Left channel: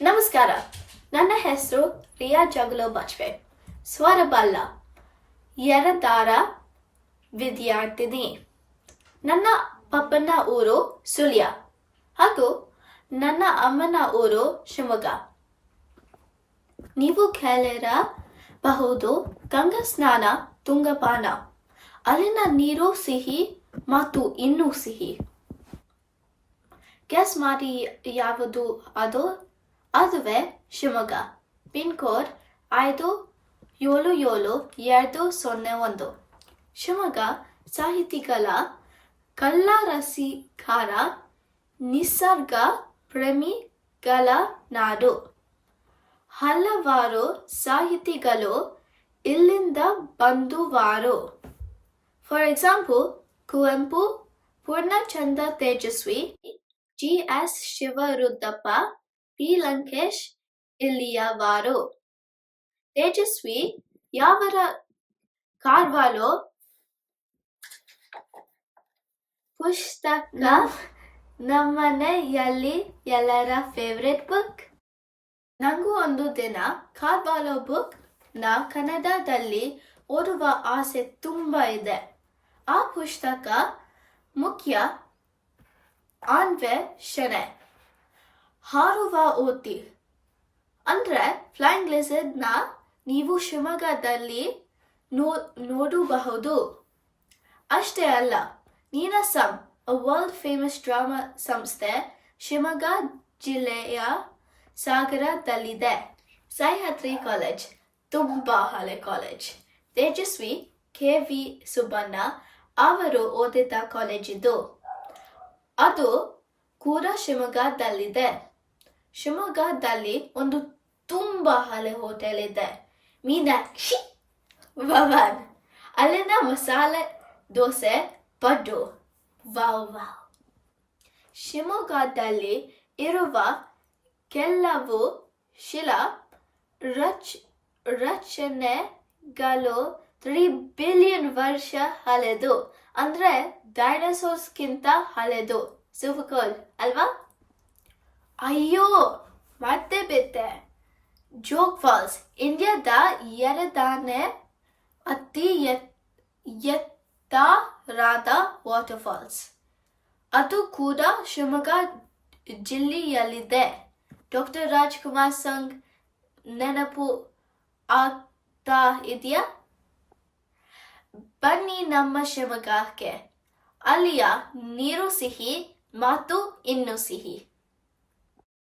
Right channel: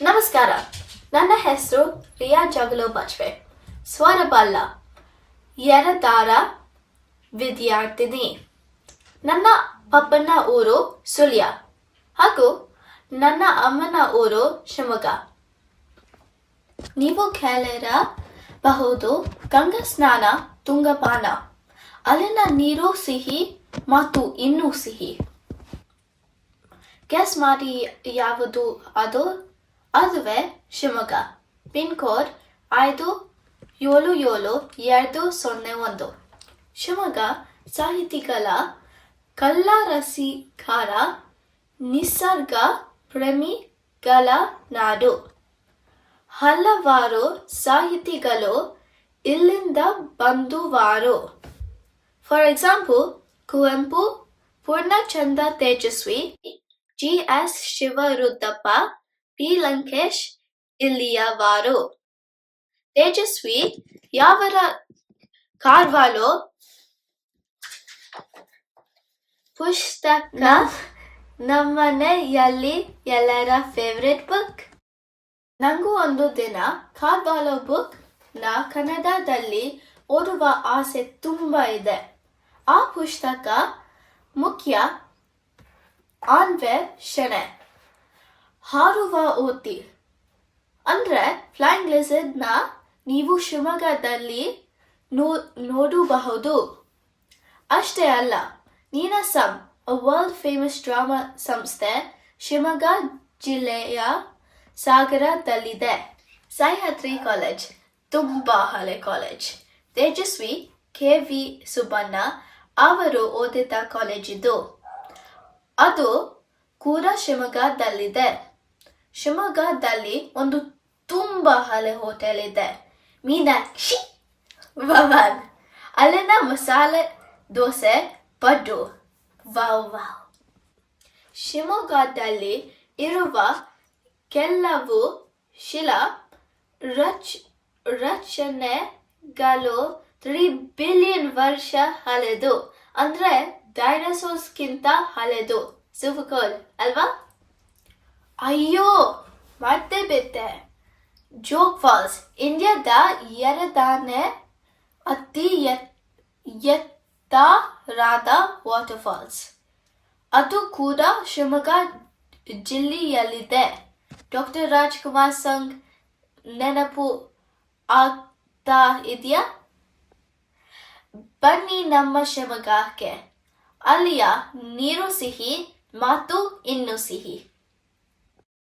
ನಮಸ್ಕಾರ, ನನ್ನ ಹೆಸರು ರಿಯಾ ಜಗಲೋ ಬಚ್ವೆ. ಸ್ವರಬಲ್ಲ ಎರಡರ ವಿದ್ಯಾರ್ಥಿನಿ. ನನ್ನ ಪಪ್ಪನ ಊರು ಸುಳ್ಯ ಹಾಗೂ ನನ್ನ ಅಮ್ಮನ ಊರು ಶಿವಮೊಗ್ಗ. ನೀವು ಕೇಳಿರಬಹುದು ಗಂಗಾ ಸ್ನಾನ ತುಂಗಪಾನ, ಅಲ್ಲಿನ ನೀರು ಸಿಹಿ ಮತ್ತು ಇನ್ನೂ ಸಿಹಿ. ಗೆಸ್ ಮಾಡಿ ಯಾವುದು ಅದು? ಅದುವೇ ಶಿವಮೊಗ್ಗ. Pin code 577201. ಶಿವಮೊಗ್ಗ ಸಾಹಿತಿಗಳ ಕಳ್ಳರಸಿಕಾರ, ನಿಸರ್ಗ ಪ್ರೇಮಿಗಳ ನಾಡು. ಹಲವಾರು ಸಾಹಿತಿಗಳು ಇಲ್ಲಿಂದ ಬಂದುವಾರು. For example Kuvempu, Poornachandra Tejaswi, GS. Shivarudrappa, P. Lankesh ಇಲ್ಲಿಯವರು. ತೇಜಸ್ವಿ ಯಾವರ ಕಾರ್ವಾಲೋ ಪುಸ್ತಕ ನಮ್ಮನೆಯಲ್ಲಿ ಎಲ್ಲರ ಫೇವ್ರೆಟ್ ಬುಕ್. ನಂಗೂ ಒಂದು ದಿನ ಕಾರ್ವಾಲೋ ಬುಕ್ ನ ಕನ್ನಡದಲ್ಲಿ ಓದುವ ಆಸೆ ತುಂಬ ಇದೆ. ಆ ಪುಸ್ತಕ ಮುಖ್ಯ ಅನ್ವೇಷಣೆ, ಹಾರುವ ಓತಿ ಅಂದ್ರೆ ಫ್ಲೈಯಿಂಗ್ ಲಿಸರ್ಡ್ ನ ನೀವು ಶಿವಮೊಗ್ಗದಲ್ಲಿ ನೋಡಬಹುದು. ಅಷ್ಟೇ ಅಲ್ಲ, ನೀನಾಸಂ ವರ್ಲ್ಡ್ ಫೇಮಸ್ ಡ್ರಾಮಾ ಸಂಸ್ಥೆ ಶಿವಮೊಗ್ಗ ಜಿಲ್ಲೆಯ ಸಾಗರದಲ್ಲಿದೆ. ಸಹ್ಯಾದ್ರಿ ಕಾಲೇಜ್ ತುಂಬಾ ಹಳೆ ಕಾಲೇಜ್. ತೇಜಸ್ವಿ ಕೆ.ವಿ. ಸುಬ್ಬಣ್ಣ ಅವರು ಓದಿದ ಕಾಲೇಜಿದು. ಅದು ಕೂಡ ಶಿವಮೊಗ್ಗದಲ್ಲಿದೆ. ಶಿವಮೊಗ್ಗದಲ್ಲಿ ಒಂದು ತುಂಬಾ ಹಳೆ ಹೋಟೆಲ್ ಇದೆ, ಮೀನಾಕ್ಷಿ ಭವನ್. ಅಲ್ಲಿನ ಮಸಾಲೆ ದೋಸೆ ಪಡ್ಡು ವಾವ್. ಶಿವಮೊಗ್ಗದಲ್ಲಿ ಇರುವ ಕೆಲವು ಶಿಲಾ ರಚನೆಗಳು 3 ಬಿಲಿಯನ್ ವರ್ಷ ಹಳೆದು, ಅಂದ್ರೆ ಡೈನೋಸಾರ್ಸ್ಗಿಂತ ಹಳೆದು. ಸೂಪರ್ ಕೂಲ್ ಅಲ್ವಾ? ಅಯ್ಯೋ ಮತ್ತೆ ಬಿಟ್ಟೆ, ಜೋಗ್ ಫಾಲ್ಸ್ ಇಂಡಿಯಾದ ಎರಡನೇ ಅತಿ ಎತ್ತರದ ವಾಟರ್ ಫಾಲ್ಸ್. ಅದು ಕೂಡ ಶಿವಮೊಗ್ಗ ಜಿಲ್ಲೆಯಲ್ಲಿದೆ. ಡಾಕ್ಟರ್ ರಾಜ್ಕುಮಾರ್ ಸಂಗ್ ನೆನಪು ಆಗ್ತಾ ಇದೆಯಾ? ಬನ್ನಿ ನಮ್ಮ ಶಿವಮೊಗ್ಗಕ್ಕೆ. ಅಲ್ಲಿಯ ನೀರು ಸಿಹಿ ಮತ್ತು ಇನ್ನೂ ಸಿಹಿ.